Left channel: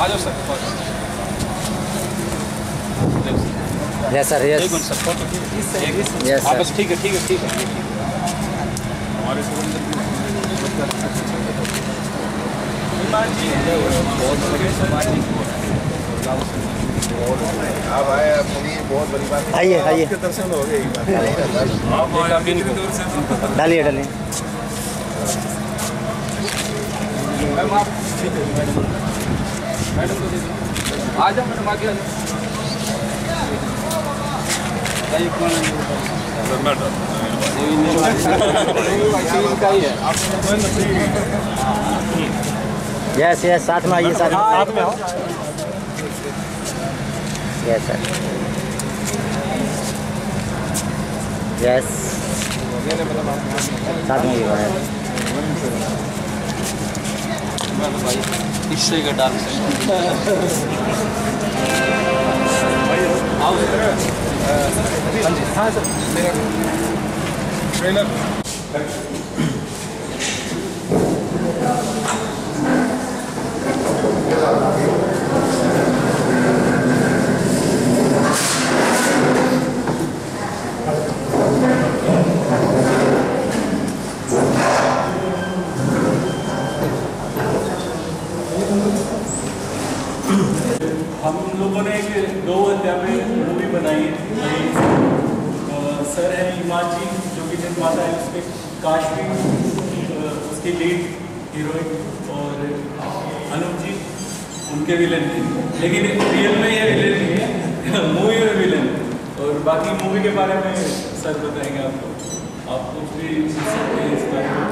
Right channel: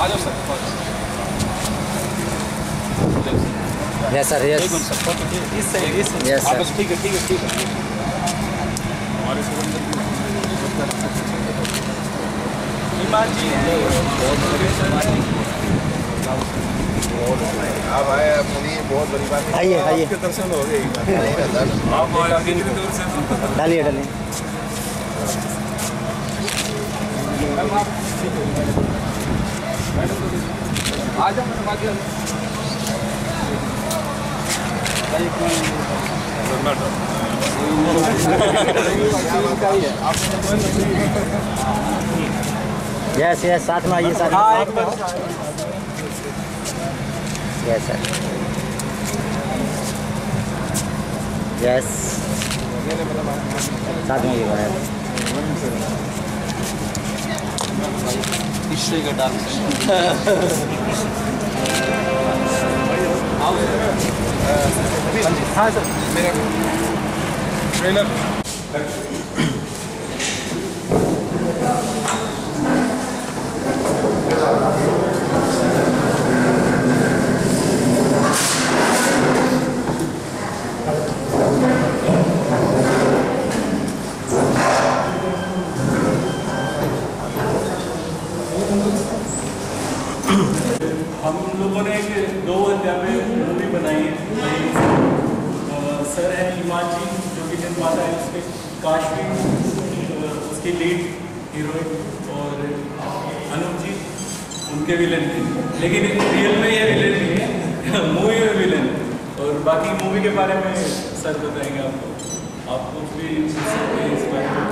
आ जाओ sir. Yes sir, yes. एक minute sir, photo yes sir. बस ठीक है, ठीक है, ठीक है। हमारे आप आए, अपनी बहुत बड़ी बात है। आइए आइए, आपके दर्शन हो गए। डालिए डालिए। आ जाओ मैडम, आगे आ जाओ। यस यस, साथ में आइए, साथ में आओ। यस सर, यस, साथ में आइए। हिस्ट्री का डांस हाँ सर, मेरा ट्रेलर हम लोगों ने एक 2 अध्याय पे मूवी बनाई है। सर है इमाद जी जो कि निर्माता है, उसके काशवी उसकी लीड हीरोइन, और अनूप जी उनके विलन थे, लेकिन रियल में ये विलन नहीं है, मूवी में विलन। और बाकी मूवी के बारे में सर बताएंगे आपको, आप कुछ भी सीख सकते हैं इस बारे में।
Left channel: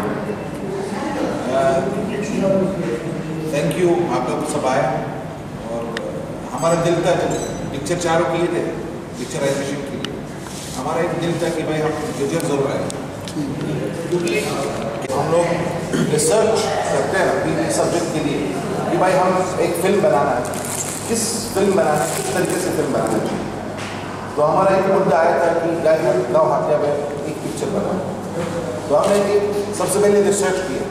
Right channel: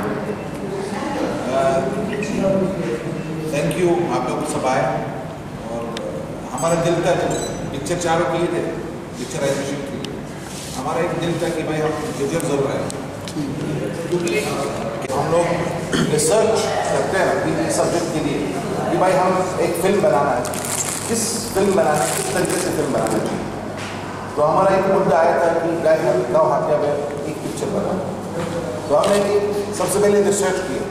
थैंक यू, आप लोग सब आए। और हमारा दिल था, पिक्चर चारों किए थे, पिक्चराइजेशन के लिए हमारा एक दिल था कि भाई हम जजर जरूर आए, क्योंकि हम लोग रिसर्च करते हैं अभी इस सब्जेक्ट के लिए कि भाई हम एक फिल्म बनाना है, किस फिल्म बनाना है, किस तरीके से फिल्म बनाना चाहिए। तो हमारा एक मुद्दा आया था कि गाँव हाथिया में एक पिक्चर बनाना। तो हमने सबसे पहले रिसर्च किया।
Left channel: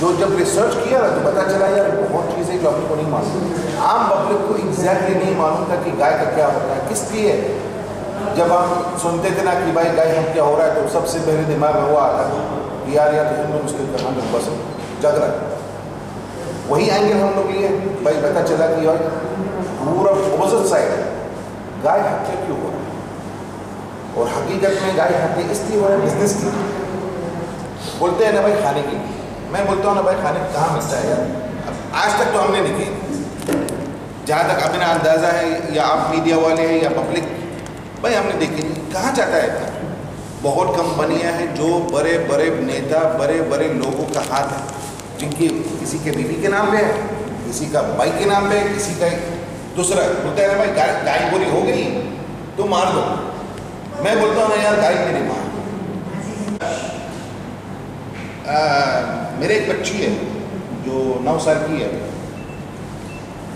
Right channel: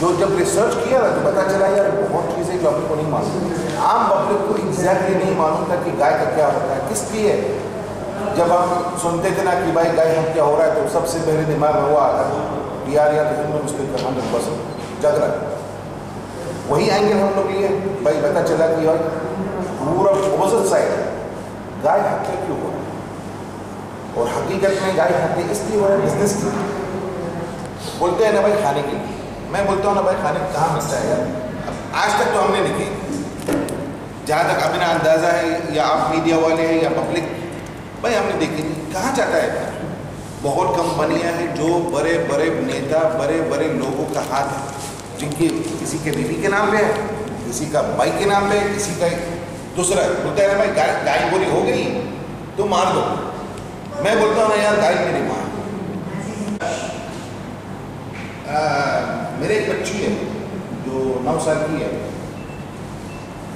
जो जब रिसर्च किया ना तो पता चला यार बहुत चीज़ें जो अपने को नहीं मालूम, आम पब्लिक को एग्जैक्टली नहीं मालूम था कि गाय का क्या होता है, किस लिए। जब हम सुनते थे ना कि भाई गाय हम क्या हो रहा है, तो सबसे पहले दिमाग में वो आता कि यार तो हिंदू मुस्लिम का 100% झगड़ा। वही एंगल हम लोग लिए, भाई पता चला कि यार पूरा अपोजिट साइड गाय हत्या क्यों हो रहा है, और हकीकत में गाय हत्या इसलिए हो रहा है बिजनेस के लिए। बोलते हैं ना भाई खाने के लिए, मैं बोलता हूँ ना भाई खाने कहाँ मिलता है यार। आज तक तो हमने नहीं किए, जहाँ तक अपना अंदाज़ा है, या आप मीडिया वाले हैं या पब्लिक, भाई हमने देखी नहीं कहाँ जाता है। बहुत कंपनियाँ हैं जो बड़े बड़े नेता, बड़े बड़े लोगों का हाथ है, जिनकी किसी के बीवी के नाम पे है, किसी का भाई के नाम पे है, किसी का दूसरा। बोलते हैं ना भाई गाय बुरी हो गई तो मार दो। मैं बोलता हूँ ना यार गाय मेरी माँ। मेरे एक बच्ची है जो 9 साल की है,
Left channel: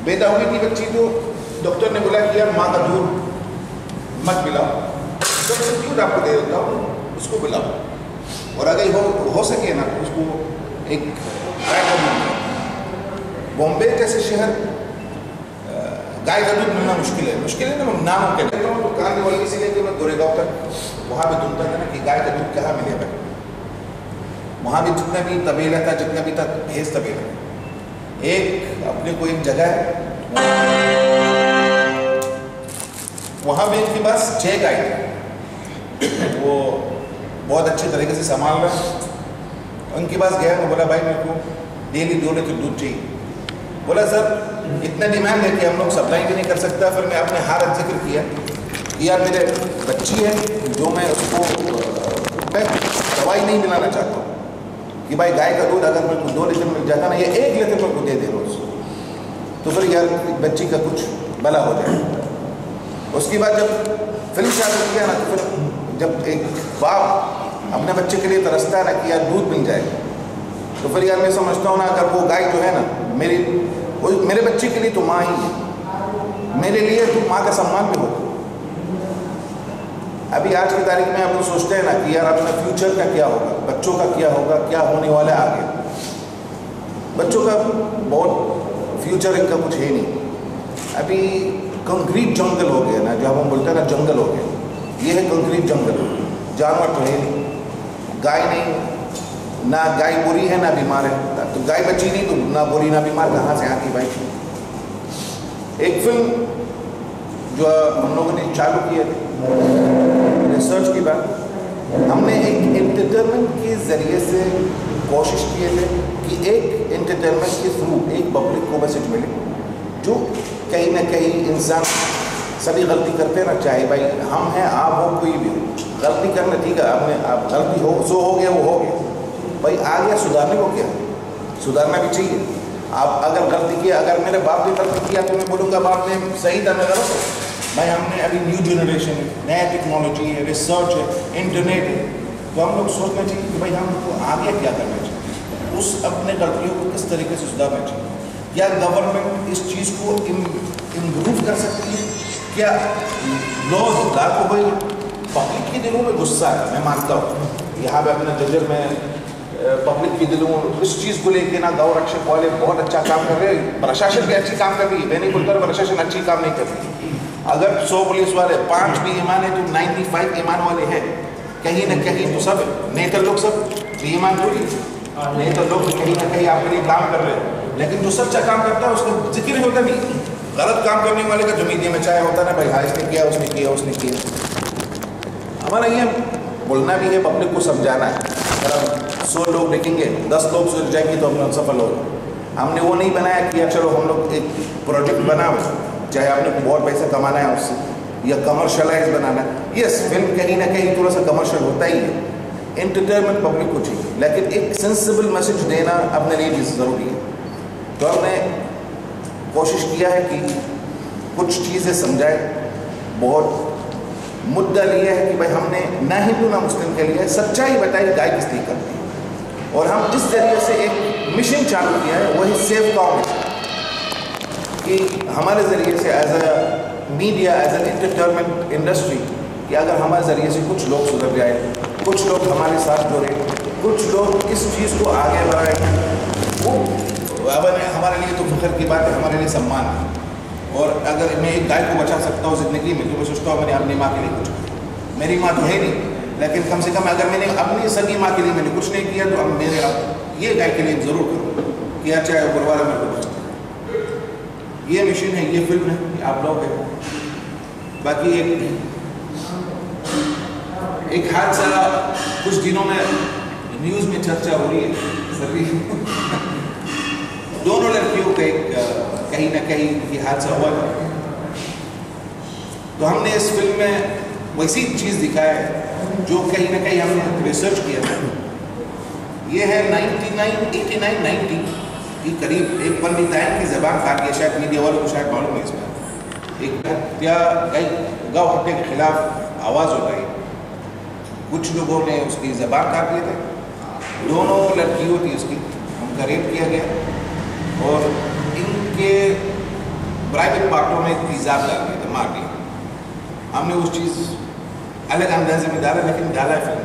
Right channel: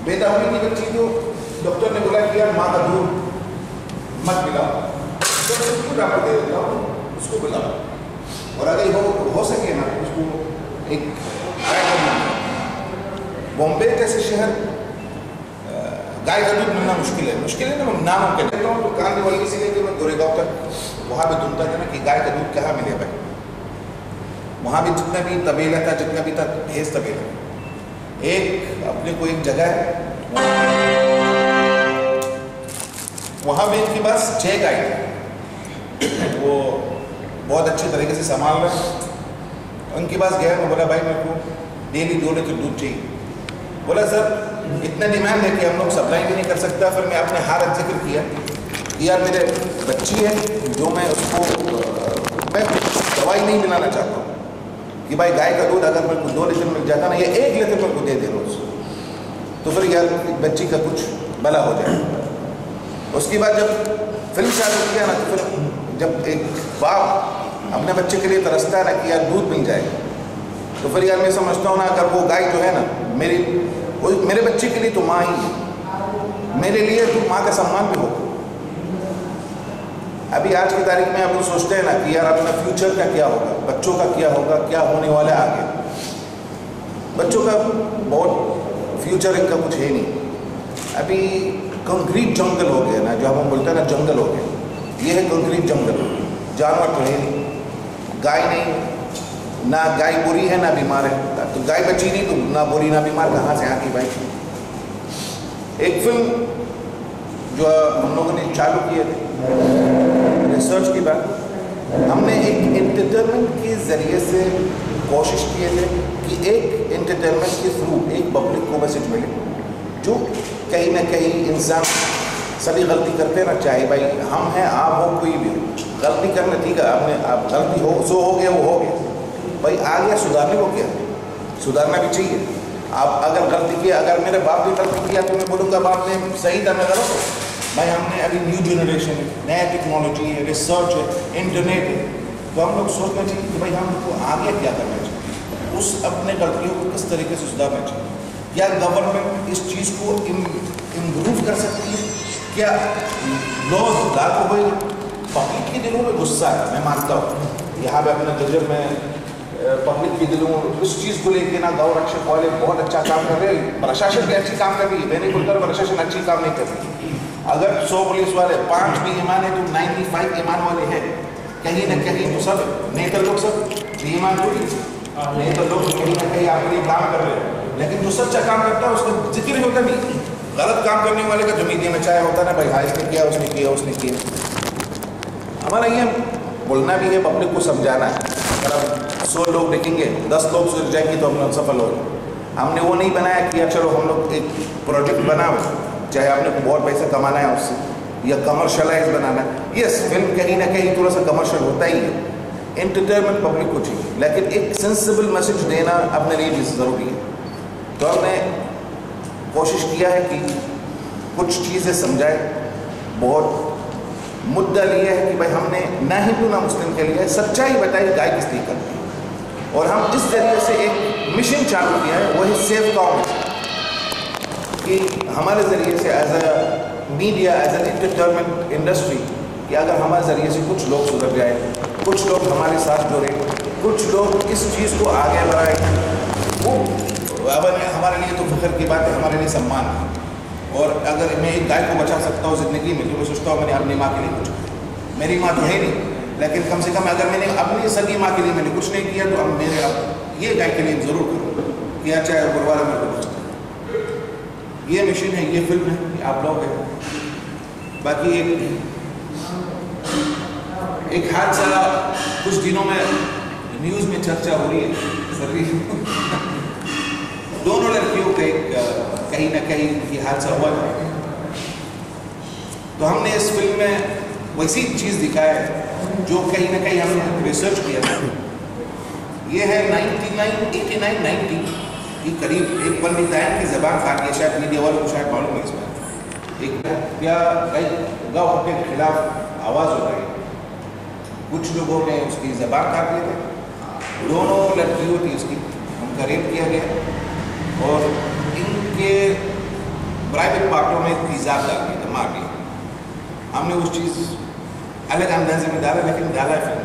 पैदा होने की बच्ची, तो डॉक्टर ने बोला कि यार माँ का दूध मत पिलाओ, तो मैं क्यों डॉक्टर दे देता हूँ, उसको पिलाओ। और अगर हो सके ना तो उसको एक गाय का दूध। बॉम्बे जैसे शहर गाय का दूध मिलना मुश्किल है ना, नामुमकिन है। तो कांदी वाली से लेकर मैं गोरेगांव तक वहाँ पे ढूंढता था ना कि गाय का दूध कहाँ मिलेगा। वहाँ भी जितना भी तबेला था, जितना भी था भैंस तबेला, एक अपने को एक जगह है, वहाँ भी इनके पास 6 गाय थे। वो बहुत अच्छे तरीके से संभाल रहा। उनके पास गया, मैं बोला भाई मेरे को डेली 2 लीटर दूध चाहिए। बोला सर इतना डिमांड है कि हम लोग सप्लाई भी नहीं कर सकता। फिर मैं अपने हार जिक्र किया कि यार मेरे बच्ची है जो मैं उसको मैं दवाई नहीं मिलाना चाहता हूँ कि भाई गाय का दूध अगर मेरे को 2 लीटर मिल जाता ना, या 1 लीटर मेरे को दे दे रोज़, तो फिर यार बच्ची का कुछ भला हो जाए। उसके बाद जब फिल्म चालू किया ना, तो फिर जब एक बाप अपने बच्चे के लिए तरसता है ना कि यार दूध मिल जाए, तो फिर यार मैं समझता हूँ ना अगर वो गाय जो है ना मेरे बच्चे के लिए तो माँ ही है, मेरे लिए तो माँ का सम्मान भी हो। अभी आज की तारीख में आप लोग सोचते हैं ना कि यार अपना फ्यूचर का क्या होगा, बच्चों का क्या होगा, क्या होने वाला है आगे। बच्चों का बहुत फ्यूचर इनका कुछ है नहीं। अभी कंक्रीट जंगल हो गया ना, जो हम बोलते हैं ना जंगल हो गया, ये है कंक्रीट जंगल। जानवर तो है नहीं, गाय नहीं, ना गाय बुरी है ना बीमार है, तो गाय बची नहीं तो ना बुरी ना बीमार कहाँ से आती भाई। एक फिल्म जो हम लोगों ने चालू किए थे रिसर्च की बात, हमने एक एंटरटेनमेंट के ज़रिए से कोशिश किए थे कि एक एंटरटेनमेंट के थ्रू एक पब्लिक को मैसेज मिले, जो कहीं ना कहीं इंसान सभी गलती करते ना, चाहे भाई हम हैं आप हो कोई भी हो, गलती करना ठीक है, आपने आप गलती हो सो हो गया वो हो गया भाई, आ गया सुधारने को क्या, सुधारना भी चाहिए। आप अगर गलती किया, अगर मेरे बाप ने गलती किया तो मैं बोलूँगा बाप ने सही था, मैं गलत हो भाई। हमने अभी न्यू जनरेशन है, नया टेक्नोलॉजी है, रिसर्च है, इंटरनेट है, तो हम लोग सोचना चाहिए कि भाई हमको आगे क्या करना चाहिए, उस अपने गलतियों को किस तरीके से सुधारना चाहिए। क्या गवर्नमेंट इस चीज़ को इम्प्रूव कर सकती है? क्या लॉज लागू हुए? पब्लिक के दिलों में गुस्सा है, मैं मानता हूँ, यहाँ पे अपना जजर में पब्लिक के दिलों इस चीज़ को लेके ना गौ रक्षक वाले बहुत अच्छा काम कर रहे हैं, प्रशासन भी अच्छी काम कर रही है, मैं नहीं बोलता प्रशासन अच्छी काम नहीं कर रही। अगर 100 पुलिस वाले 5 भी ईमान है तो 95 ईमान वाले हैं, कहीं ना कहीं तो सब नेता लोग सब ईमान थोड़ी, नेता लोग कहीं ना कहीं आपके लिए काम कर रहे हैं, लेकिन जो सच्चा काम करता है उसका जिक्र ही होता नहीं। गलत काम करने वाले का जो मीडिया में चाहे होता ना भाई, हाँ इसने किया उसने किया उसने किया। हमारा ये बोलना भी है, पब्लिक को समझाना है। अगर हम 100 लोग देखेंगे, 10 लोग सुधर जाएंगे तो हम सफल हो गए। हमने वो नहीं बनाया कि चलो हम लोग एक प्रोजेक्ट बनाओ, चाहे आपने बहुत पैसा कमाना है उससे या कमर्शलाइज बनाना है। यस, फिल्म कहीं ना कहीं थोड़ा सा कमर्शियल होता ही है, एंटरटेनमेंट पब्लिक को चाहिए, लेकिन एक सेंसिबल मैसेज देना अपने लिए भी ज़रूरी है। तो हमने कोशिश किया है कि कुछ चीज़ें समझाए। बहुत मुद्दा लिया है कि भाई हमने ना हिंदू ना मुस्लिम के लिए सच्चाई बताई गाय किस लिए करती है, और हम इस जरिए से एक मिशन चालू किया है, वही सेव काउ, कि हमारे ज़रिए से as a media, as an entertainment industry, कि अगर हमारे ज़रिए से कुछ लोग सुधर जाए, कुछ लोग हमारे साथ जुड़े, कुछ लोग इस चीज़ को आगे बढ़ाए, वो हमारे लिए तो फख्र की बात है, हमारे लिए सम्मान है। और अगर मैं एक गाय को बचा सकता हूँ ज़िंदगी में, तो मैं सोचता हूँ मैंने अपनी माँ के लिए कुछ किया। मेरी माँ तो है नहीं, लेकिन कम से कम अगर मैंने अपनी सगी माँ के लिए मैंने कुछ नहीं किया, तो अब मेरे ये गाय के लिए ज़रूर करूँ, क्या चाहे गुरुवार मेरे को बचता। ये मिशन है, ये फिल्म है, ये आप लोग हैं। बाकी एक हादसा कुछ दिनों में न्यूज़ में चर्चा हो रही है, दोनों लड़कियों पे कहीं ना कहीं ये हादसा हुआ था। तो हमने इस फिल्म में वैसी चीज़ दिखाया है जो कहीं ना कहीं हमने रिसर्च किया था। ये है 89-90 के करीब एक पंडिताइन की ज़बान काट दिया, शायद मीडिया वालों को शायद मालूम है इस बात। एक हत्या गौ हत्या के खिलाफ आवाज़ उठाई, कुछ लोगों ने उसकी ज़बान काट दिए थे। दोनों लड़कियों थी उसकी, उनका रेप किया गया और इनके प्राइवेट पार्टों में तेज़ाब डाल दिया था, मार दिया। हमने उस चीज़ अलग अंदाजे में डाला, लेकिन डाला है फिल्म।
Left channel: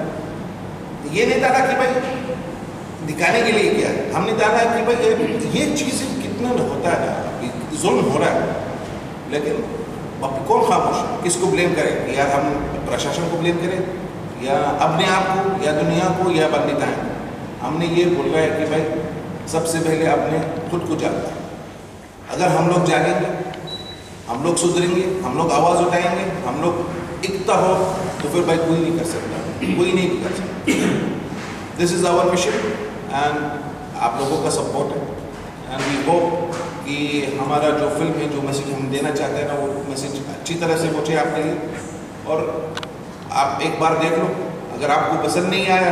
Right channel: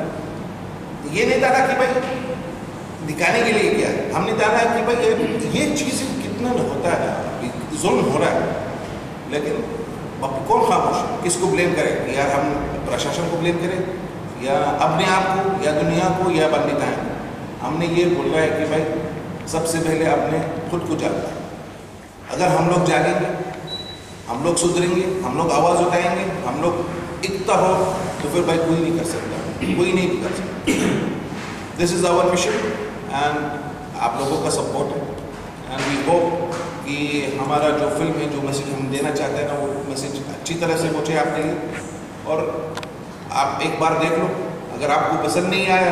ये नहीं डाला कि भाई दिखाने के लिए क्या है, हमने डाला कि भाई ये चीज़ कितना होता है, जुल्म हो रहा है, लेकिन कौन खामोश, किसको ब्लेम करें? यार हम प्रशासन को ब्लेम करें, या अपने आप को, या दुनिया को, या पंडिताइन को? हमने ये बोल रहा है कि भाई सबसे पहले अपने खुद को जानना है। अगर हम लोग जागेंगे, हम लोग सुधरेंगे, हम लोग आवाज़ उठाएंगे, हम लोग एकता हो, तो फिर भाई कोई नहीं कर सकता, कोई नहीं कर सकता। This is our mission and आप लोगों का सपोर्ट है, एंड वी होप कि हमारा जो फिल्म है, जो मैसेज हम देना चाहते हैं ना, वो मैसेज अच्छी तरह से पहुँचे आपके लिए। और आप एक बार देख लो, अगर आपको पसंद नहीं आया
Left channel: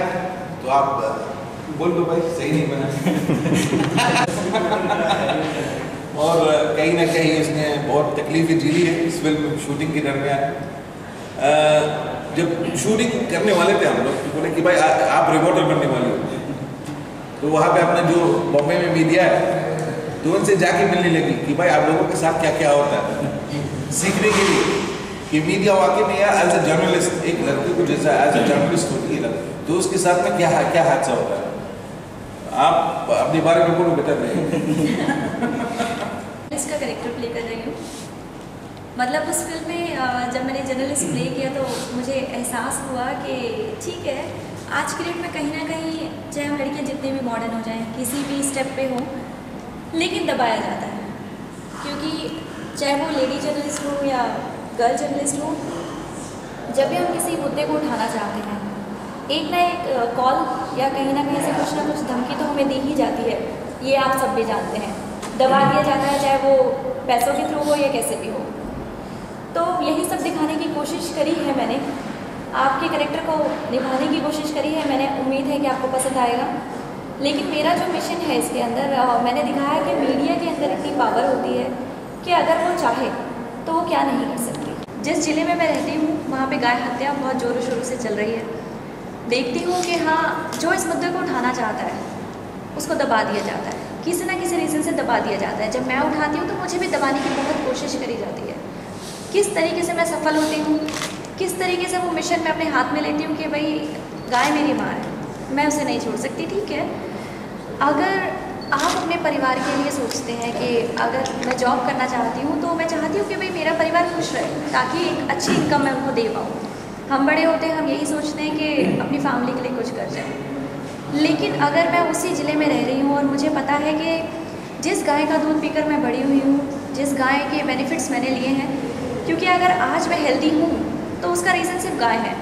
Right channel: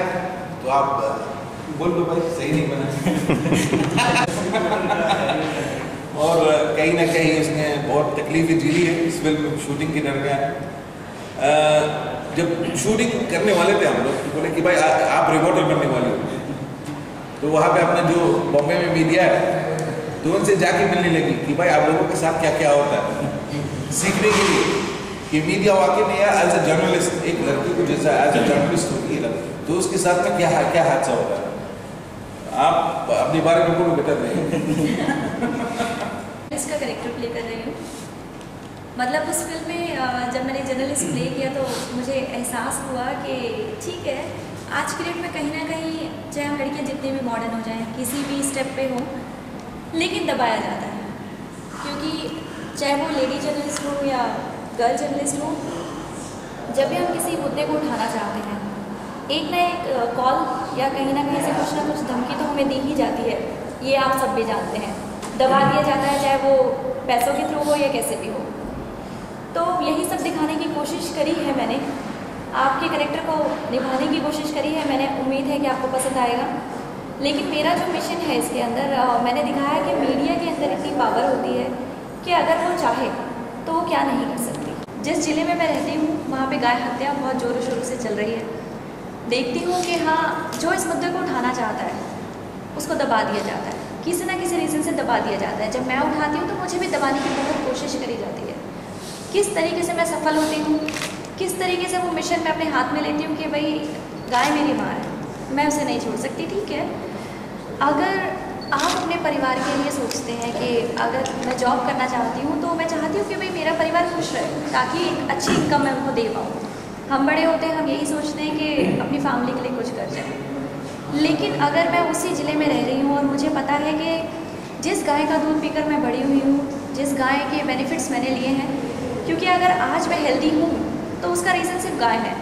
तो आप बोल दो भाई सही नहीं बना। और कहीं ना कहीं उसने बहुत तकलीफें झेली है इस फिल्म शूटिंग के दरमियान। जब शूटिंग करने वाले थे हम लोग, बोले कि भाई आप रिपोर्टर बनने वाले हो, तो वहाँ पे अपना जो बॉम्बे में मीडिया है, तो उनसे जाके मिलने लगी कि भाई आप लोगों के साथ क्या क्या होता है, सीखने के लिए कि मीडिया वाकई में यार एज ए जर्नलिस्ट, एक लड़की को जैसा एज ए जर्नलिस्ट होती है, तो उसके साथ में क्या हादसा होता है। आप अपने बारे में बोलो, बता दें। मतलब उस फिल्म में जब मैंने जर्नलिस्ट प्ले किया तो मुझे एहसास हुआ कि ठीक है, आज की डेट में कहीं ना कहीं चाहे हम लड़कियां जितनी भी मॉडर्न हो जाएं, किसी भी स्टेप पे हो, लेकिन दबाया जाता है। क्योंकि चाहे वो लेडी जर्नलिस्ट हो या गर्ल जर्नलिस्ट हो, जब भी हम किसी मुद्दे को उठाना चाहते हैं, एक ना एक कॉल या कहीं ना कहीं से कुछ ना कुछ धमकी तो हमें दी ही जाती है। ये आप सब भी जानते हैं, दबा दिया जाता है, चाहे वो पैसों के थ्रू हो या कैसे भी हो। तो यही सब दिखाने की कोशिश करी है मैंने, आपके कैरेक्टर को निभाने की कोशिश करी है मैंने। उम्मीद है कि आपको पसंद आएगा। लेकिन मेरा जो मिशन है इसके अंदर, मैंने दिखाया कि मीडिया के अंदर इतनी पावर होती है कि अगर वो चाहे तो वो क्या नहीं कर सकती। जिस ज़िले में मैं रहती हूँ वहाँ पे गाय हत्या बहुत ज़ोरों शोरों से चल रही है। देखती हूँ कि हाँ, जो इस मुद्दे को उठाना चाहता है उसको दबा दिया जाता है, किसी ना किसी रीज़न से दबा दिया जाता है। जब मैं उठाती हूँ तो मुझे भी दबाने की बहुत कोशिश करी जाती है। किस तरीके से मैं सफल होती हूँ, किस तरीके से वो मिशन मैं अपने हाथ में लेती हूँ कि भाई गाय मेरी माँ है, मैं उसे नहीं छोड़ सकती। ठीक है, अगर आप अपने परिवार के लिए सोचते हैं कि अगर मैं जॉब करना चाहती हूँ तो मैं चाहती हूँ कि भाई मेरा परिवार खुश रहे, ताकि एक अच्छी इनकम मैं उनको दे पाऊँ। हम बड़े होते हैं, हम यही सोचते हैं कि अपनी फैमिली के लिए कुछ कर जाए। लेकिन अगर मैं उसी ज़िले में रह रही हूँ और मुझे पता है कि जिस गाय का दूध पीकर मैं बड़ी हुई हूँ, जिस गाय के बेनिफिट्स मैंने लिए हैं, क्योंकि अगर आज मैं हेल्दी हूँ तो उसका रीज़न सिर्फ गाय है।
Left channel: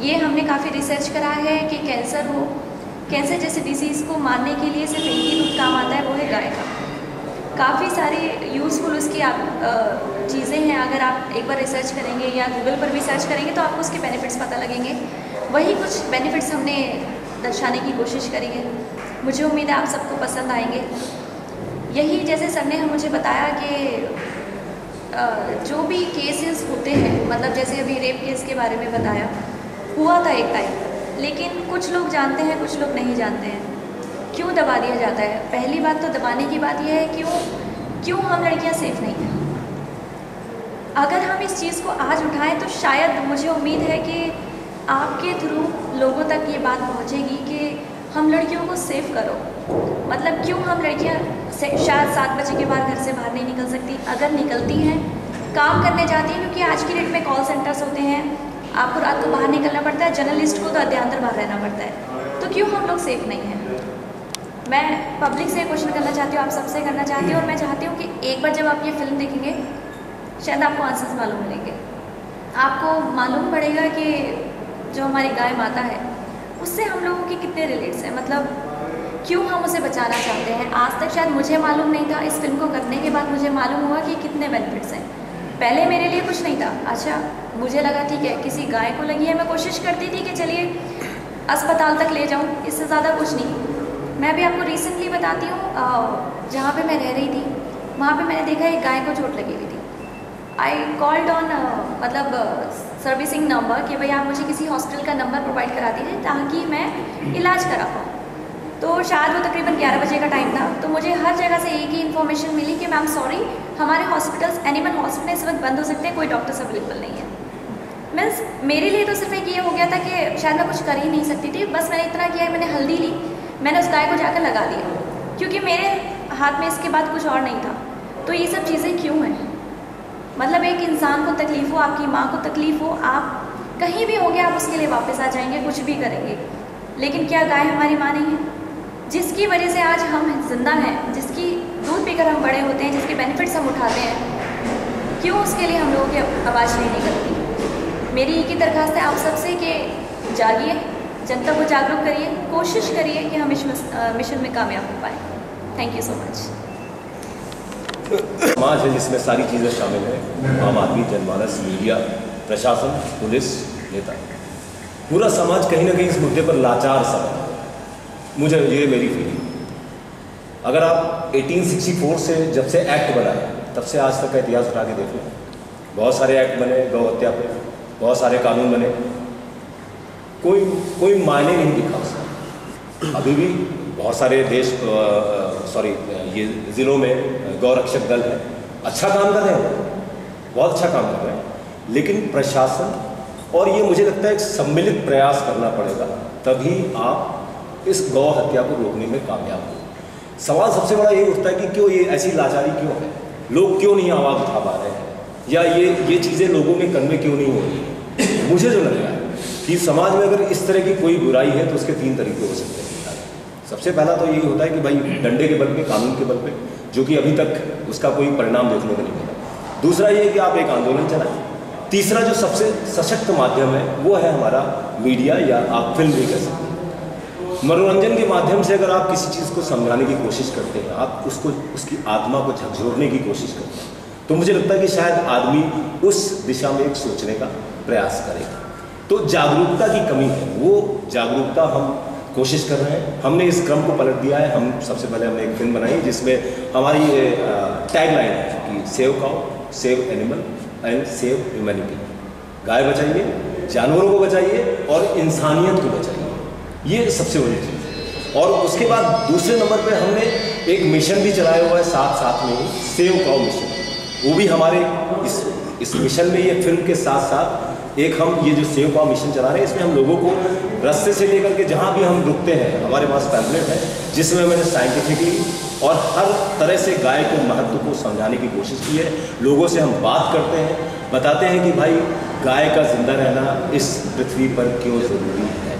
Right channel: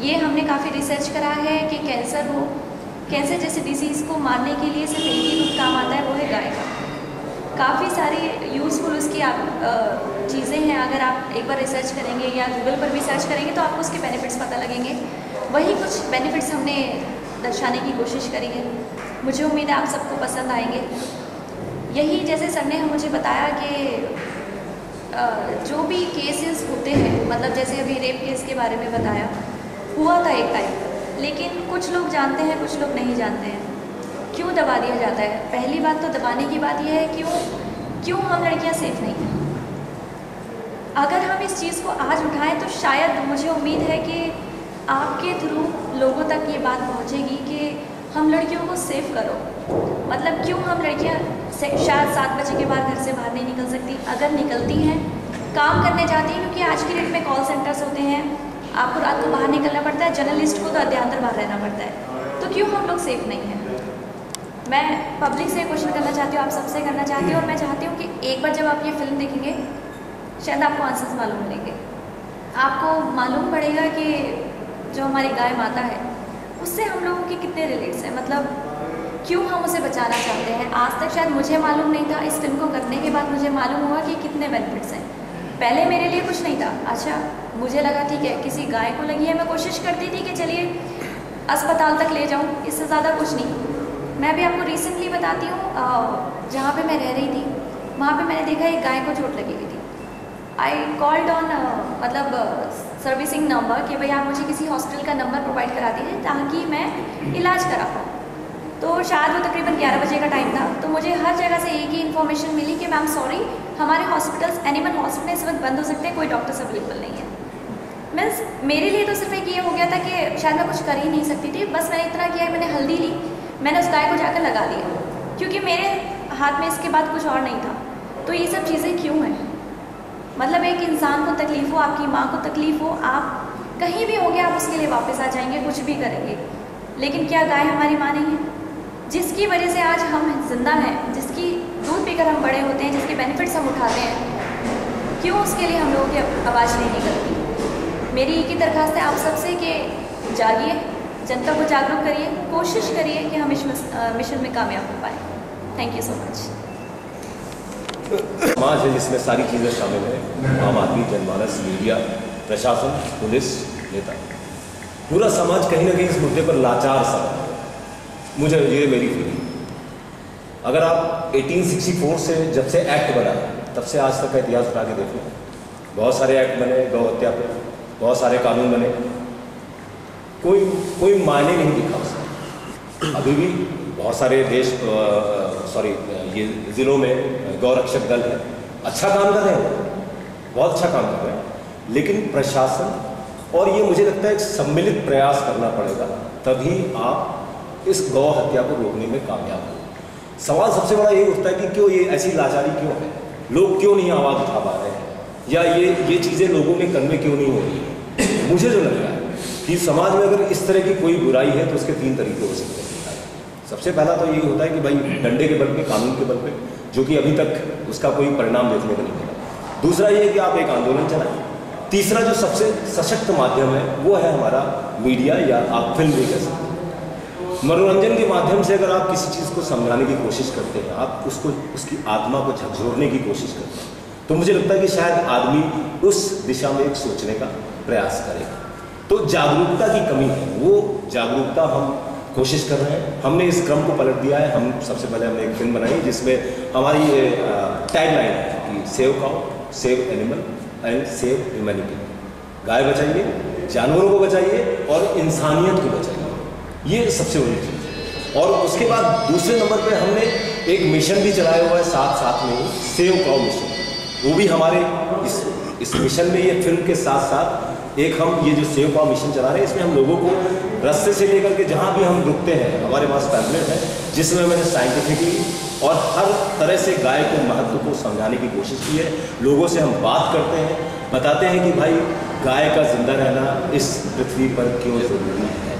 ये हमने काफ़ी रिसर्च करा है कि कैंसर हो, कैंसर जैसे डिसीज़ को मारने के लिए सिर्फ एक ही दूध काम आता है, वो है गाय का। काफ़ी सारी यूज़फुल उसकी चीज़ें हैं। अगर आप एक बार रिसर्च करेंगे या गूगल पर भी सर्च करेंगे तो आपको उसके बेनिफिट्स पता लगेंगे। वही कुछ बेनिफिट्स हमने दर्शाने की कोशिश करी है। मुझे उम्मीद है आप सबको पसंद आएंगे। यही जैसे सर ने मुझे बताया कि जो भी केसेस होते हैं, मतलब जैसे अभी रेप केस के बारे में बताया, हुआ था एक टाइम, लेकिन कुछ लोग जानते हैं, कुछ लोग नहीं जानते हैं। क्यों दबा दिया जाता है? पहली बात तो दबाने की बात यह है क्यों हम लड़कियां सेफ नहीं हैं। अगर हम इस चीज़ को आज उठाएं तो शायद मुझे उम्मीद है कि आपके थ्रू लोगों तक ये बात पहुंचेगी कि हम लड़कियों को सेफ करो। मतलब क्यों हम लड़कियां शायद 7 बजे के बाद घर से बाहर नहीं निकल सकती, अगर निकलती हैं काम करने जाती हैं, क्योंकि आज की डेट में कॉल सेंटर्स होते हैं, आपको रात को बाहर निकलना पड़ता है, जर्नलिस्ट को तो अध्यांतर बाहर रहना पड़ता है। तो क्यों हम लोग सेफ नहीं हैं? मैं पब्लिक से क्वेश्चन करना चाहती हूँ, आप सबसे करना चाहती हूँ, और मैं चाहती हूँ कि एक बार जब आप ये फिल्म देखेंगे शायद आपको आंसर्स मालूम मिलेंगे। आपको मालूम पड़ेगा कि जो हमारी गाय माता है उससे हम लोगों के कितने रिलेट्स हैं, मतलब क्यों हम उसे बचाना चाहते हैं। आज तक शायद मुझे मालूम नहीं था, इस फिल्म को करने के बाद मुझे मालूम हुआ कि कितने बेनिफिट्स हैं। पहले मेरे लिए कुछ नहीं था। अच्छा, मुझे लगा ठीक है किसी गाय को लगी है, मैं कोशिश करती थी कि चलिए अस्पताल तक ले जाऊँ, इससे ज़्यादा कुछ नहीं। मैं भी आपको रिसेंटली बताती हूँ, जहाँ पे मैं रह रही थी वहाँ पे मैंने देखा एक गाय को चोट लगी हुई थी। आई कॉल्ड ऑन मतलब सर्विसिंग नंबर कि भाई आप मुझे किसी हॉस्पिटल का नंबर प्रोवाइड करा दीजिए ताकि मैं इलाज करा पाऊँ। तो शायद वो तकरीबन 11 बजे का टाइम था। तो मुझे हर जगह से एक ही इन्फॉर्मेशन मिली कि मैम सॉरी, हमारे हॉस्पिटल्स एनिमल हॉस्पिटल इस वक्त बंद हो सकते हैं, कोई डॉक्टर्स अवेलेबल नहीं है। मीन्स मेरे लिए तो सिर्फ एक ये हो गया था कि शायद मैं कुछ कर ही नहीं सकती थी। बस मैंने इतना किया, मैंने हल्दी ली, मैंने उस गाय को जाकर लगा दिया, क्योंकि मेरे हाथ में इसके बाद कुछ और नहीं था। तो ये सब चीज़ें क्यों हैं? मतलब एक इंसान को तकलीफ़ हो, आपकी माँ को तकलीफ़ हो, आप कहीं भी होंगे, आप उसके लिए वापस आ जाएंगे, कुछ भी करेंगे। लेकिन क्या गाय हमारी माँ नहीं है? जिसकी वजह से आज हम जिंदा हैं, जिसकी दूध पीकर हम बड़े होते हैं, जिसके बेनिफिट्स हम उठाते हैं, क्यों उसके लिए हम लोगों की आवाज़ नहीं निकलती? मेरी एक ही दरख्वास्त है आप सबसे कि जागिए, जनता को जागरूक करिए, कोशिश करिए कि हम इस मिशन में कामयाब हो पाए। Thank you so much. समाज है जिसमें सारी चीज़ें शामिल हैं, आम आदमी, जनमानस, मीडिया, प्रशासन, पुलिस, नेता, पूरा समाज कहीं ना कहीं इस मुद्दे पर लाचार सा है। मुझे ये मेरी फीलिंग। अगर आप 1864 से जब से एक्ट बना है तब से आज तक का इतिहास उठा के देख लो, बहुत सारे एक्ट बने गौ हत्या पे, बहुत सारे कानून बने, कोई मायने नहीं दिखा उसका। अभी भी बहुत सारे ये ज़िलों में गौ रक्षक दल है, अच्छा काम कर रहे हैं, बहुत अच्छा काम कर रहे हैं, लेकिन प्रशासन और ये मुझे लगता है एक सम्मिलित प्रयास करना पड़ेगा, तभी आप इस गौ हत्या को रोकने में कामयाब हो। सवाल सबसे बड़ा ये उठता है कि क्यों ये ऐसी लाचारी क्यों है, लोग क्यों नहीं आवाज़ उठा पा रहे हैं। या ये चीज़ें लोगों में कन्वे क्यों नहीं हो रही है। मुझे जो लग रहा है कि समाज में अगर इस तरह की कोई बुराई है तो उसके 3 तरीके हो सकते हैं। सबसे पहला तो यही होता है कि भाई डंडे के बल पे, कानून के बल पे, जो कि अभी तक उसका कोई परिणाम देखने को नहीं मिला। दूसरा ये कि आप एक आंदोलन चलाएं। तीसरा जो सबसे सशक्त माध्यम है वो है हमारा मीडिया, या आप फिल्म भी कह सकते हैं। मनोरंजन के माध्यम से अगर आप किसी चीज़ को समझाने की कोशिश करते हैं, आप उसको, उसकी आत्मा को झकझोरने की कोशिश करते हैं, तो मुझे लगता है कि शायद आदमी उस दिशा में एक सोचने का प्रयास करेगा। तो जागरूकता की कमी है, वो जागरूकता हम कोशिश कर रहे हैं। हमने इस क्रम को पलट दिया है। हम सबसे पहले हमने एक फिल्म बनाई जिसमें हमारी टैगलाइन है कि save cow, save animal and save humanity. गाय बचाइए, जानवरों को बचाइए और इंसानियत को बचाइए, ये सबसे बड़ी चीज़ है। और उसके बाद दूसरे नंबर पे हमने एक मिशन भी चलाया हुआ है साथ में ही, सेव काउ मिशन। वो भी हमारे इस मिशन में, ये फिल्म के साथ साथ एक हम ये जो सेव काउ मिशन चला रहे हैं, इसमें हम लोगों को रास्ते से लेकर के जहाँ भी हम रुकते हैं, हमारे पास पैम्फलेट है जिसमें मैंने साइंटिफिकली और हर तरह से गाय को महत्व को समझाने की कोशिश की है। लोगों से हम बात करते हैं, बताते हैं कि भाई गाय का जिंदा रहना इस पृथ्वी पर क्यों ज़रूरी है।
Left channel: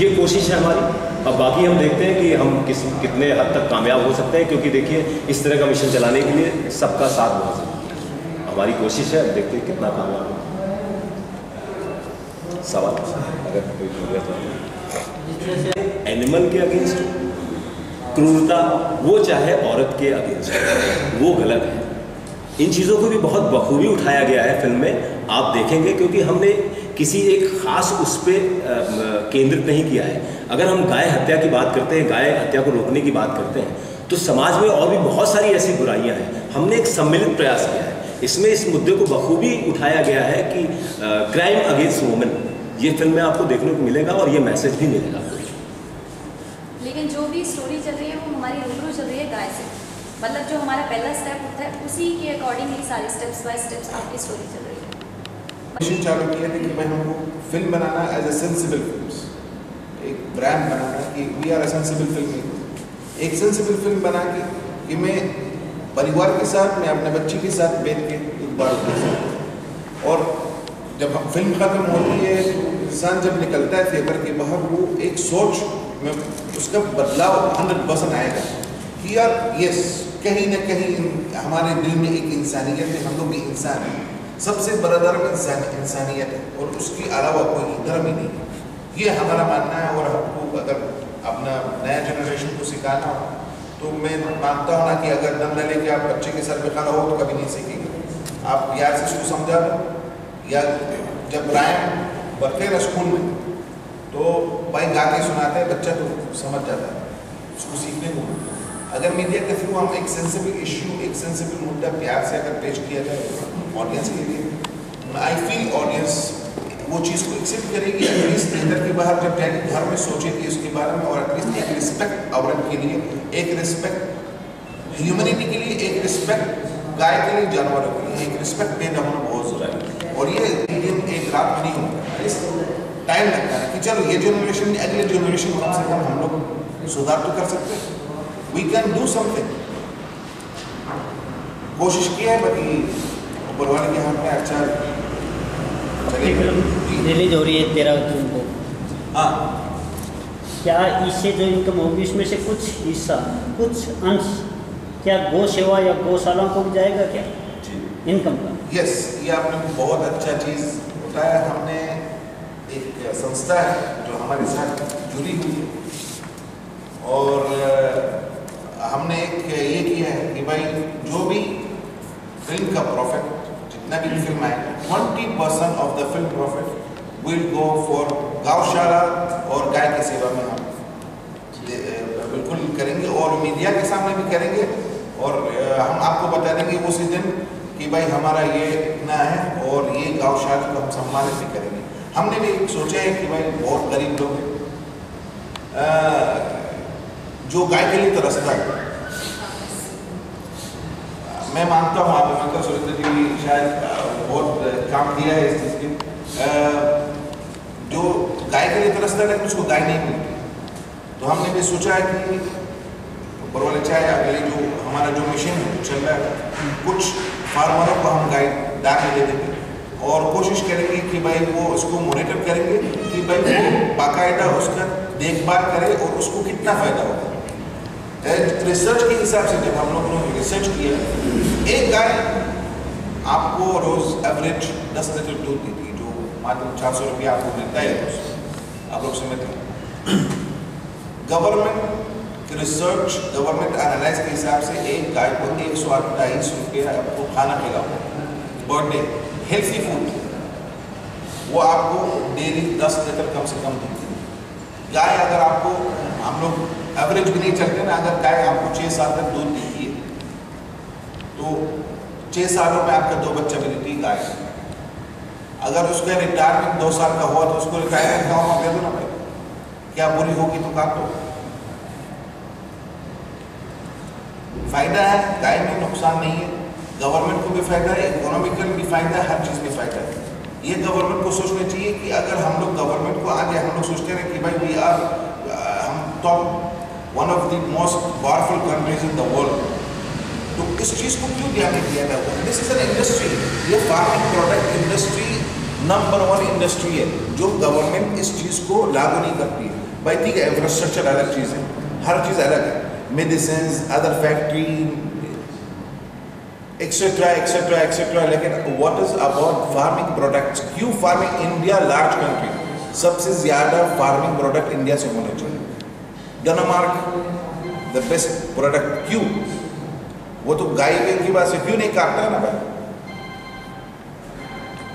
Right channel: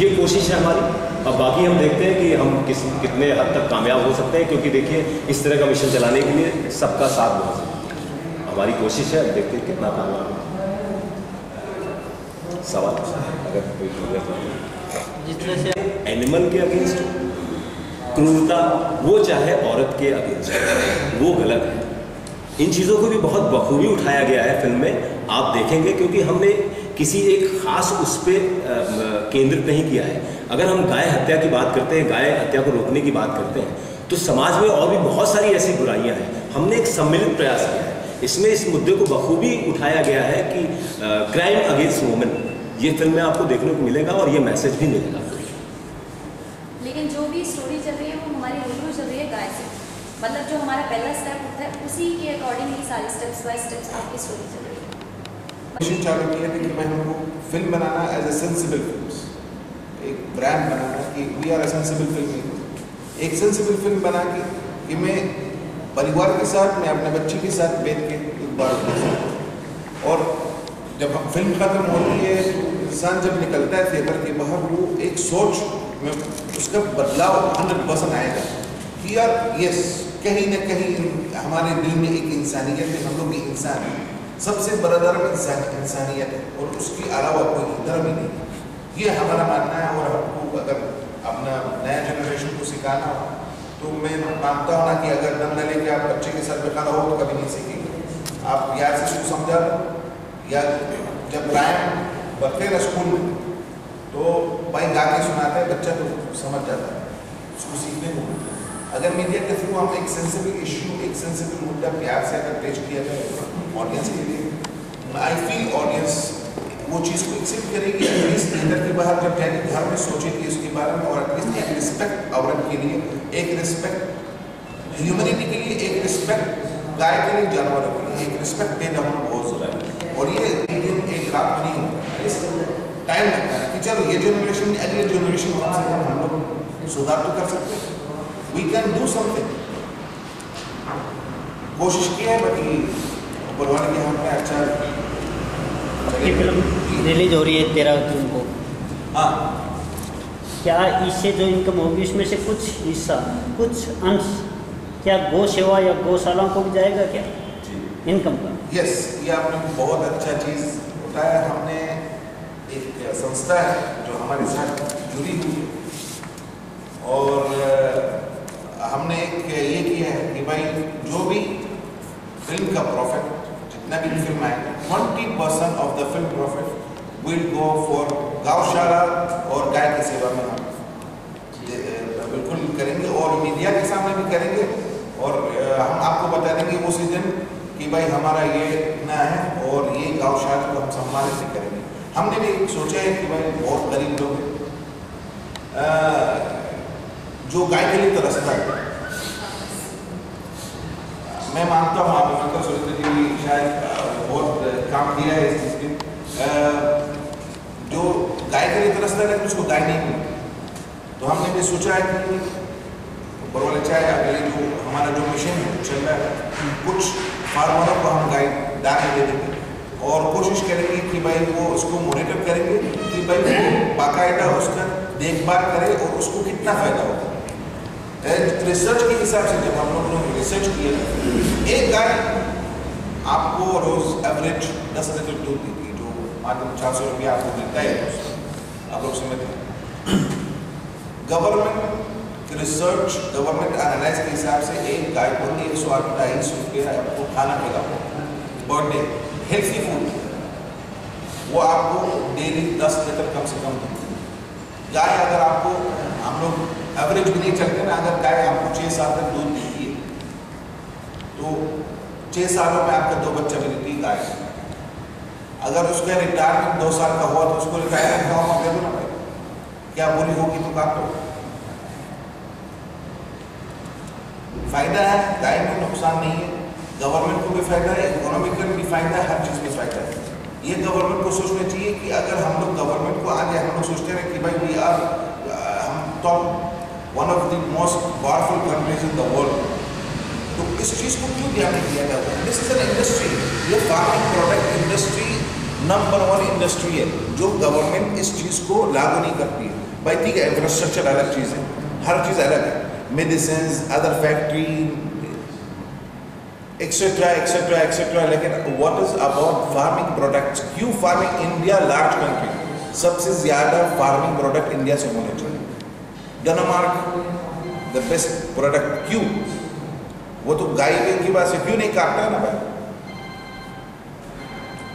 ये कोशिश है हमारी। अब बाकी हम देखते हैं कि हम कितने हद तक कामयाब हो सकते हैं, क्योंकि देखिए इस तरह का मिशन चलाने के लिए सबका साथ बहुत ज़रूरी है। हमारी कोशिश है, देखते हैं कितना कामयाब है। सवाल अगर कोई तो एनिमल के अगेंस्ट क्रूरता, वो चाहे औरत के अगेंस्ट, वो गलत है। इन चीज़ों को भी बहुत बखूबी उठाया गया है फिल्म में, आप देखेंगे, क्योंकि हमने किसी एक ख़ास उस पर केंद्रित नहीं किया है। अगर हम गाय हत्या की बात करते हैं, गाय हत्या को रोकने की बात करते हैं, तो समाज में और भी बहुत सारी ऐसी बुराइयां हैं। हमने एक सम्मिलित प्रयास किया है, इसमें इस मुद्दे को बखूबी उठाया गया है कि क्राइम अगेंस्ट वुमेन, ये फिल्म में आपको देखने को मिलेगा और ये मैसेज भी मिलेगा। लेकिन जो भी स्टोरी चल रही है वो हमारी रूबरू चल रही है गाय से, मतलब जो हमारा पहला स्टेप होता है उसी के अकॉर्डिंग ही सारे स्टेप्स बाय स्टेप्स आपकी स्टोरी चल रही है। मिशन चालू किया है कि मैं हमको फिल्म बनाना एज ए सेंसिबल फिल्म, एक ब्रांड बनाना कि we are a sensible film, एक सेंसिबल फिल्म बना कि मैं परिवार के साथ, मैं अपने बच्चे के साथ बैठ के एक बार, और जब हम फिल्म ख़त्म होती है तो इंसान जब निकलता है थिएटर के बाहर, वो एक सोच में उसका बदलाव 100% आएगा कि यार यस, कहीं ना कहीं हमारे दिल में एक इंसानियत है, हम लोग भी इंसान हैं। सबसे बड़ा धर्म इंसानियत है और उसके अलावा कोई धर्म ही नहीं है, ये हमारा मानना है। और हमको अगर अपना नया जनरेशन को सिखाना हो तो मैं मानता हूँ ना कि अगर दम न लेके आप बच्चे के सर पे खड़ा हो तो कभी नहीं सीखेंगे। आप यार से उसको समझा दो, या जब रायम बरते ना स्कूल में तो भाई गा के सुनाते हैं, बच्चा तो समझ जाता है, उसको सीखने को। अगर मीडिया के थ्रू हम एक सेंसिबल इश्यू, एक सेंसिबल मुद्दा प्यार से अगर पेश किया जाए ऑडियंस के लिए, आई फील ऑडियंस वो चीज़ को एक्सेप्ट करेगी। एटलीस्ट थिएटर के बाहर जब जाएगी घर में सोचेगी उसके बारे में, और एटलीस्ट एक रिस्पेक्ट औरत के लिए, एक रिस्पेक्ट ह्यूमैनिटी के लिए, एक रिस्पेक्ट गाय के लिए, जानवरों के लिए, एक रिस्पेक्ट पैदा होना बहुत ज़रूरी है। और ये एक दिन एक रात में नहीं होता, टाइम लगता है कि चलो ये जनरेशन, अगले जनरेशन कम से कम हम लोग सुधार तो कर सकते हैं। वी कैन डू समथिंग, कोशिश की है, बाकी ऊपर वाले के हाथ में अच्छा। फिल्म रिलीज हो रही है 13 जून को, हाँ, क्या इससे जो इनकम होगी उसमें से कुछ हिस्सा, कुछ अंश क्या गौ सेवा या गौशालाओं को भी जाएगा क्या इनकम का? यस, ये आपने बहुत अच्छा चीज़ बताया। हमने एक संस्था है जो हमारे साथ जुड़ी हुई है, और हमने एक ये किया है कि भाई जो भी फिल्म का प्रॉफिट, जितना भी फिल्म आएगा, 20% of the film profit will go for गौशाला और गाय की सेवा में हम बिल्कुल करेंगे, और मीडिया के सामने भी करेंगे, और हम आपको बता देंगे उसी दिन कि भाई हमारा ये इतना है और ये गौशाला को हम सम्मानित भी करेंगे। हमने भी सोचा है कि भाई बहुत गरीब लोग हैं जो गाय के लिए तरसता है। मैं मानता हूँ आप मतलब सुरेंद्र जी भी शायद बहुत काम किया है इस चीज़ के, जो गाय के लिए तरसता है लेकिन उसको गाय नहीं मिलती। तो हमने भी सोचा है कि ऊपर वाले चाहे अगले जो हमारा जो मिशन है चल रहा है, कुछ फार्मरों को हम गाइड दाने दे देंगे और कोशिश करेंगे कि भाई वो उसको मॉनिटर करेंगे कि भाई वो बाकायदा उसका देखभाल करे और उसको कितना फ़ायदा होगा। रिसर्च के हिसाब से जब हम लोगों ने रिसर्च किया, एक गाय आपको रोज़ एवरेज 10 लीटर दूध देती है, जो मात्र 400 रुपया आपको मिलता है, आप लोग समझते हैं। गवर्नमेंट रिसर्च, गवर्नमेंट एनालाइज के हिसाब से एक गाय को 128 रुपया आपको खाना खिलाओ पर डे, हेल्थी फूड, वो आपको डेली 10 लीटर कम से कम देती है। गाय अगर आपको, हम लोग एवरेज भी नहीं चलते ना, अगर गाय आपको 6 साल तक दूध देती है तो 6 सालों में आपका 2 बच्चा भी देती है गाय। अगर उसका रिटायरमेंट 2 साल का हुआ तो उसको रिटायरमेंट गाँव में दे दो ना भाई, क्या बुरी होगी तो काट दो। फायदा है, गाय में नुकसान नहीं है, गवर्नमेंट को भी फायदा है, इकोनॉमिकल भी फायदा है, हर चीज़ में फायदा है। ये गवर्नमेंट को सोचना चाहिए कि अगर हम लोग गवर्नमेंट को आज हम लोग सोचते हैं कि भाई वी आर हम top one of the most powerful countries in the world, तो इस चीज़ को क्यों ध्यान नहीं दिया जाता? दिस इज एन इंडस्ट्री, ये farming product industry number 1 industry है, जो गवर्नमेंट इस चीज़ को लागू नहीं करती है। भाई ठीक है, इंफ्रास्ट्रक्चर अलग चीज़ है, हर चीज़ अलग है, medicine, other factory etcetera etcetera etcetera, लेकिन what is about farming products? क्यों फार्मिंग, इंडिया लार्ज कंट्री, सबसे ज़्यादा फार्मिंग प्रोडक्ट इंडिया से होने चाहिए। डेनमार्क द बेस्ट प्रोडक्ट, क्यों? वो तो गाय की बात से क्यों नहीं काटता ना भाई?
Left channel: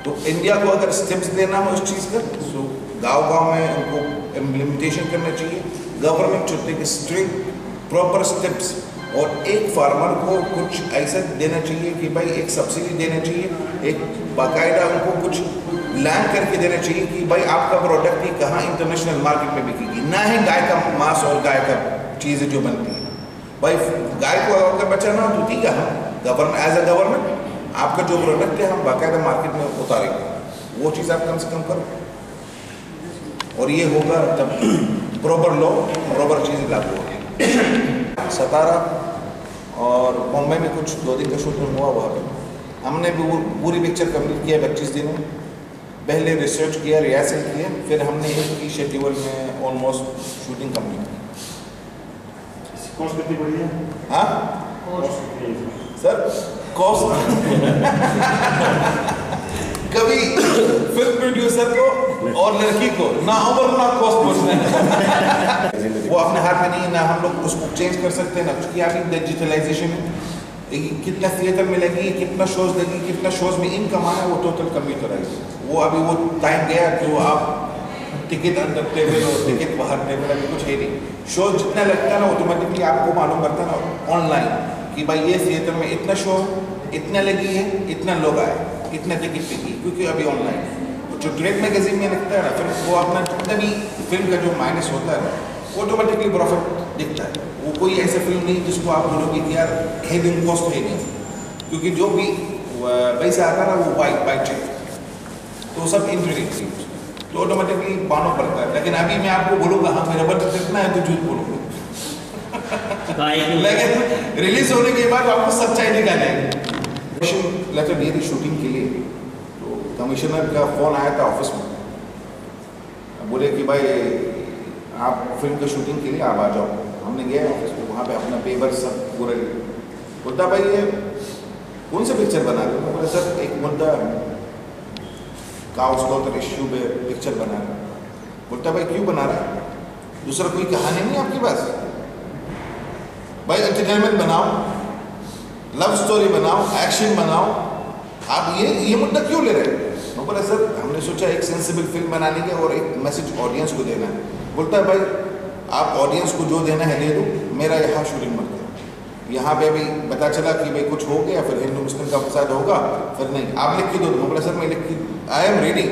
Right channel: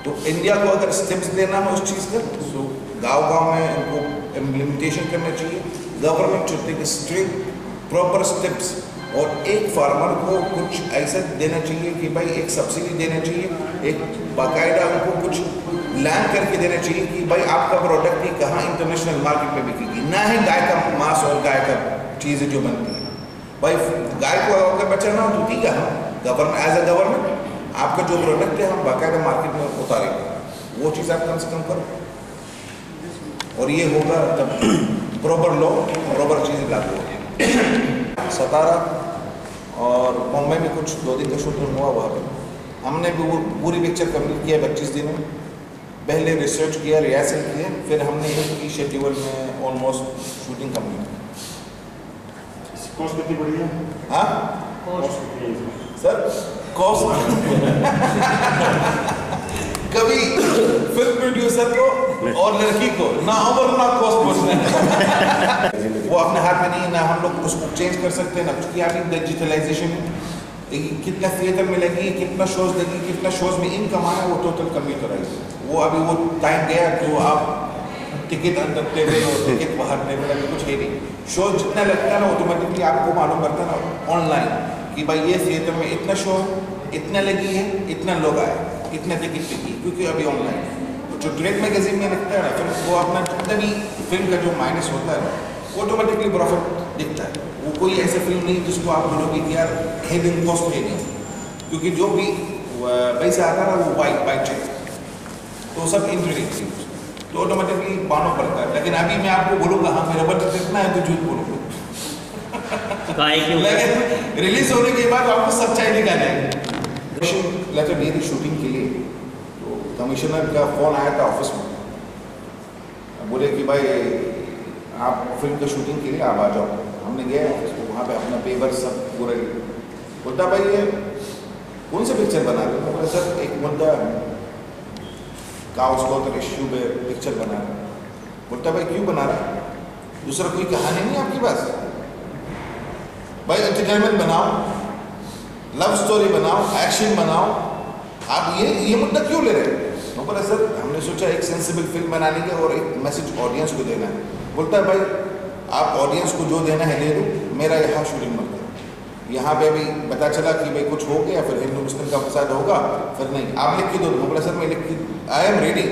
तो इंडिया को अगर स्टेप्स देना हो उस चीज़ का, तो गांव-गांव में उनको इम्प्लीमेंटेशन करना चाहिए। Government should take strict proper steps और एक फार्मर को कुछ ऐसा देना चाहिए कि भाई एक सब्सिडी देना चाहिए, एक बाकायदा उनको कुछ लैंड करके देना चाहिए कि भाई आपका प्रोडक्ट ही कहाँ इंटरनेशनल मार्केट में बिकेगी, ना ही गाय का मांस और गाय का चीज़ें जो बनती है। भाई गाय को अगर बचाना हो तो ठीक है, हम गवर्नमेंट एज अ गवर्नमेंट आपका जो प्रोडक्ट है हम बाकायदा मार्केट में उतारेंगे, वो चीज़ आप कम से कम करो और ये होगा तब प्रॉपर लॉ, प्रॉपर चीज़ लागू होगी। सतारा और मुंबई में कुछ 2 दिन का शूटिंग हुआ, वहाँ पर हमने भी पूरी पिक्चर कंप्लीट किया 25 दिन में। पहले रिसर्च किया, रिहर्सल किया, फिर हमने एक ही शेड्यूल में ऑलमोस्ट शूटिंग कंप्लीट की। कॉस्ट कितनी बड़ी है? हाँ सर, कॉस्ट कभी फिल्म प्रोड्यूसर को और लड़की को ना ओवर ना कॉस्ट पूछना है, वो अपने हाथ में नहीं, ना हम लोग उसको चेंज कर सकते हैं ना, क्योंकि अभी डिजिटलाइजेशन है। कितना थिएटर मिलेगी, कितना शोज देगी, कितना शोज में इनकम आना, वो टोटल कंप्यूटराइज। वो अभी वो टाइम गया जो आप टिकट अंदर टेबल और टिकट बाहर टेबल, अभी कुछ है नहीं। शो जितना लगता है ना ऑटोमेटिकली आपको मालूम पड़ता है ना ऑनलाइन कि भाई ये थिएटर में इतना शो, इतना लगी है, इतना लोग आए, इतना टिकट बिकी, क्योंकि अभी ऑनलाइन जो ट्रेड मैगजीन में लिखता है ना, फिर वो अपना जितना भी फिल्म का जो माइनस होता है ऑटोमेटिकली प्रॉफिट दिखता है। वो कोई ऐसा फिल्म नहीं जिसको आप बोलोगे कि यार हिडन कॉस्ट है नहीं, क्योंकि जो भी पैसा आता है ना वो बाई चेक, तो सब इंटरेक्ट तो ऑटोमेटिकली मानो पड़ता है। लेकिन अभी मैं आपको बोलूँगा हाँ मेरा बजट कितना है तो झूठ बोलूँगा लेकिन रिलीज होने के बाद आपको सच्चाई निकालेंगे। लेटर दी थी शूटिंग के लिए, तो कमिश्नर का फ़ोन आया था ऑफिस में, बोले कि भाई आप फिल्म की शूटिंग के लिए आप आ जाओ। हमने गए ऑफिस में, वहाँ पे अपना पेपर सब पूरा बोलता भाई ये कौन सा पिक्चर बना रहे हो? बोले सर एक मुद्दा काउस गौतर इश्यू पे पिक्चर बना रहा है। बोलता भाई क्यों बना रहा है? दूसरा कोई कहानी नहीं आपके पास? भाई एंटरटेनमेंट बनाओ, लव स्टोरी बनाओ, एक्शन बनाओ, आप ये मुद्दा क्यों ले रहे हैं? मैं बोला सर हमने सोचा एक सेंसिबल फिल्म बनाने के और एक मैसेज ऑडियंस को देना है। बोलता है भाई आप ऑडियंस को जो देना है ले दो, मेरा यहाँ शूटिंग मत करो। यहाँ पे अभी पता चला कि भाई कुछ हो गया, फिर हिंदू मुस्लिम का फसाद होगा, फिर नहीं आप लिख के दो। मैं बोला सर मैं लिख के, I am ready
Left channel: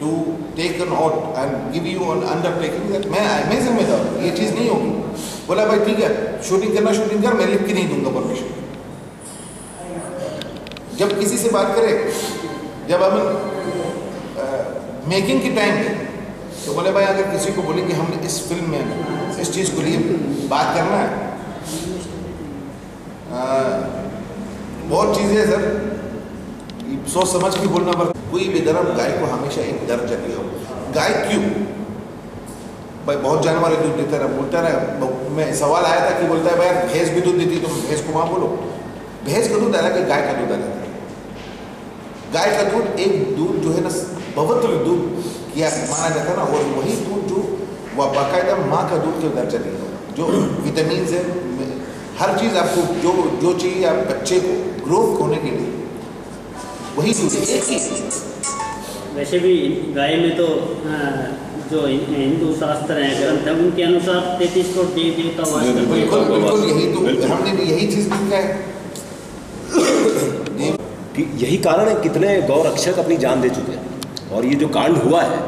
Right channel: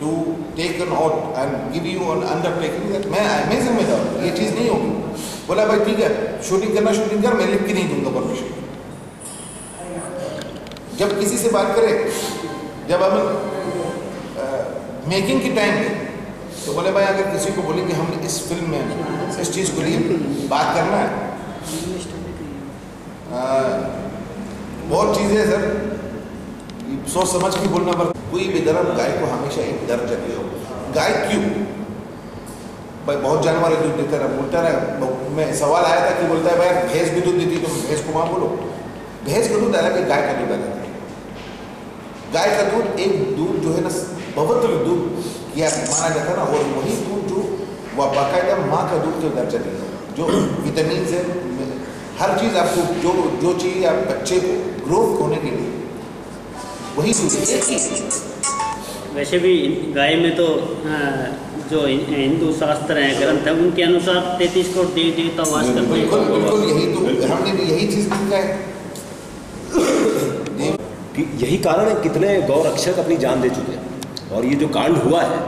to take an out and give you an undertaking that मैं जिम्मेदार, ये चीज़ नहीं होगी। बोला भाई ठीक है शूटिंग करना शूटिंग कर, मैं लिख के नहीं दूंगा परमिशन। जब किसी से बात करें, जब हम मेकिंग के टाइम पे, तो बोले भाई अगर किसी को बोले कि हम इस फिल्म में इस चीज़ को लिए बात करना है, बहुत चीज़ें है सर, सोच समझ के बोलना पर कोई भी धर्म गाय को हमेशा एक दर्जा दिया हो। गाय क्यों भाई, बहुत जानवर है दूध देता रहा, बोलता रहा। मैं सवाल आया था कि बोलता है भाई भैंस भी दूध देती, तुम भैंस को वहाँ बोलो। भैंस का दूध अलग है, गाय का दूध अलग है। गाय का दूध एक दूध जो है ना पवित्र दूध किया माना जाता है ना, और वही दूध जो वह बाकायदा माँ का दूध के दर्जा दिया होगा, जो विटामिन है, हर चीज़ आपको जो चाहिए आप बच्चे को ग्रो होने के लिए वही दूध एक ही। वैसे भी गाय में तो जो हिंदू शास्त्र हैं, ग्रंथ है, उनके अनुसार 33 करोड़ देवी देवता वास करते हैं। बिल्कुल बिल्कुल, यही तो हमने भी यही चीज़ लिखा है कि यही कारण है कितने गौ रक्षक अपनी जान दे चुके हैं। और ये जो कांड हुआ है,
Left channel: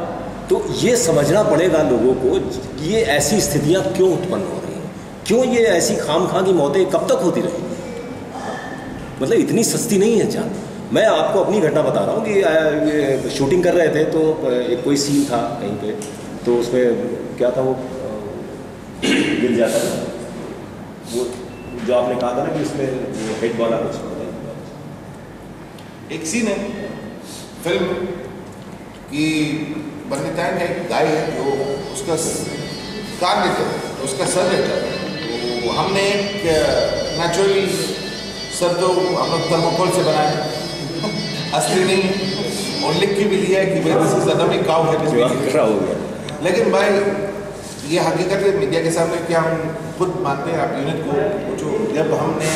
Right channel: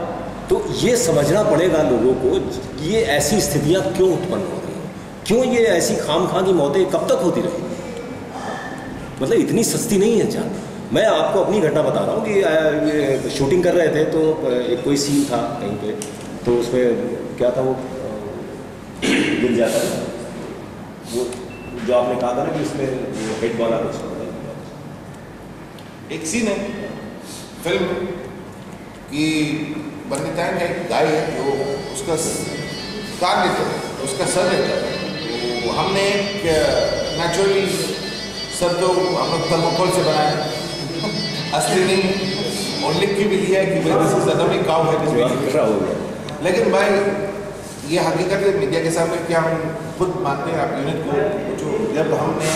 तो ये समझना पड़ेगा लोगों को कि ये ऐसी स्थितियां क्यों उत्पन्न हो रही हैं, क्यों ये ऐसी खाम की मौतें कब तक होती रही। मतलब इतनी सस्ती नहीं है जान। मैं आपको अपनी घटना बता रहा हूँ कि शूटिंग कर रहे थे, तो एक कोई सीन था कहीं पे, तो उसमें क्या था, वो गिर जाता है वो जो आपने कहा था ना कि इसमें हेड वाला कुछ एक सीन है फिल्म कि बंदितान है, एक गाय है जो उसका कान लेता है, उसका सर लेता है। तो हमने एक नेचुरली सर तो हम लोग थर्मोकोल से बनाया, असली नहीं, और लिख के भी लिया है कि भाई दिस इज डमी काउ है, हो गया। लेकिन भाई ये हकीकत है मीडिया के सामने कि हम खुद मानते हैं, आप यूनिट को पूछो, जब हमने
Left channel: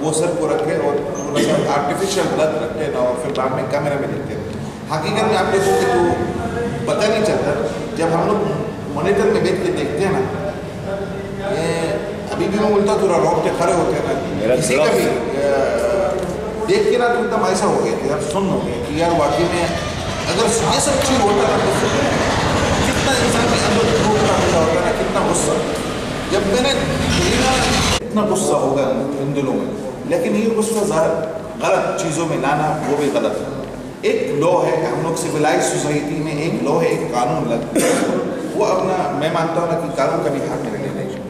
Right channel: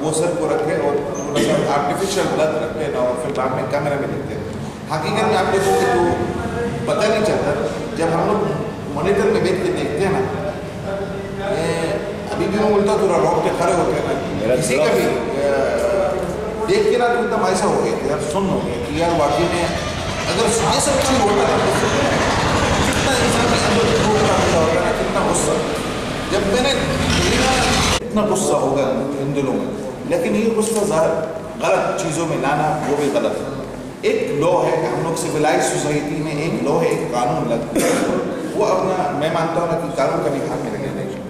वो सर को रखे और थोड़ा सा आर्टिफिशियल ब्लड रखते ना, और फिर बाद में कैमरा में देखते हैं, हकीकत में आप देखोगे तो पता नहीं चलता। जब हम लोग मॉनिटर में बैठ के देखते हैं ना, अभी भी मैं बोलता थोड़ा रोकते खड़े होते हैं ना, किसी का भी देख के ना तो एकदम ऐसा हो गया कि यार सुन हो गया कि यार वाकई में अगर ये सब चीज़ होता ना तो कितना इंसान के अंदर होगा ना, कितना गुस्सा। जब मैंने इतना गुस्सा होगा इन दिनों में, लेकिन ये गुस्सा गलत चीज़ों में लाना वो भी गलत है। एक लॉ है, हम लोग सिविलाइज सोसाइटी में एक लॉ है, एक कानून लगता है, वो अपना, मैं मानता हूँ ना कि कानून का भी हाथ में लेना चाहिए,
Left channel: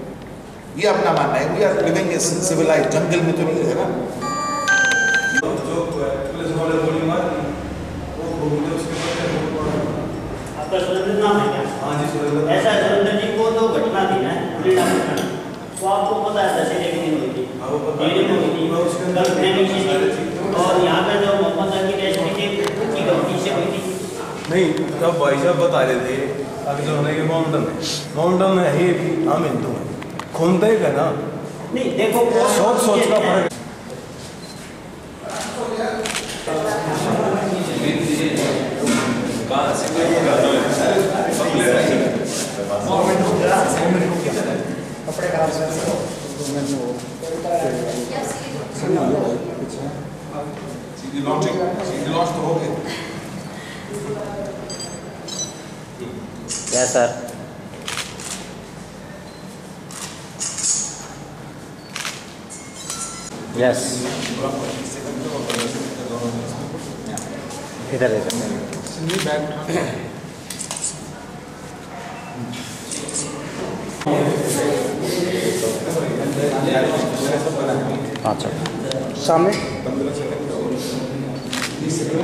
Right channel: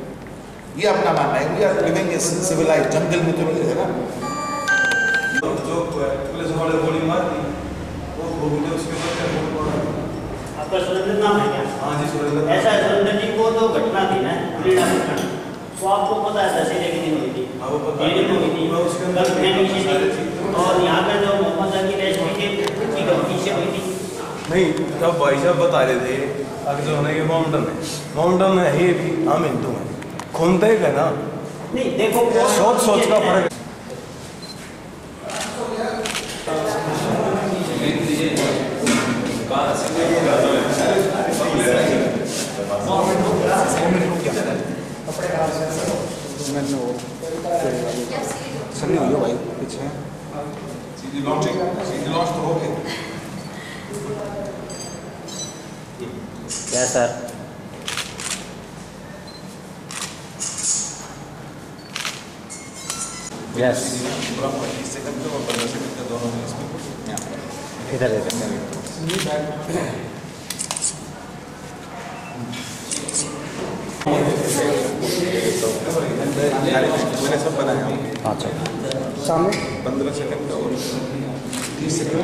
ये अपना मानना है। We are living in civilise, जंगल में तो नहीं है ना। जो पुलिस वाले गोली मार दी, वो मुझे उसके आपका सुरेंद्र नाम है क्या? हाँ जी सुरेंद्र। ऐसा है सुरेंद्र जी, को तो घटना थी ना क्रीड़ा घटना, तो आपको पता है दशहरे के दिन हुई थी, और यहाँ पे जो मोहम्मद अली रेस्ट हुई थी उनकी गलती से हुई थी। नहीं, तब भाई साहब बता रहे थे अगर जो है माउंटन है ही, हम हिंदू हैं, घूमते ही ना। नहीं देखो, सोच का फर्क। कपड़े खराब से सीधी लॉन्च तो हो गए। Yes sir. यस, इधर अच्छा सामने 15 सेकंड का और 30 सेकंड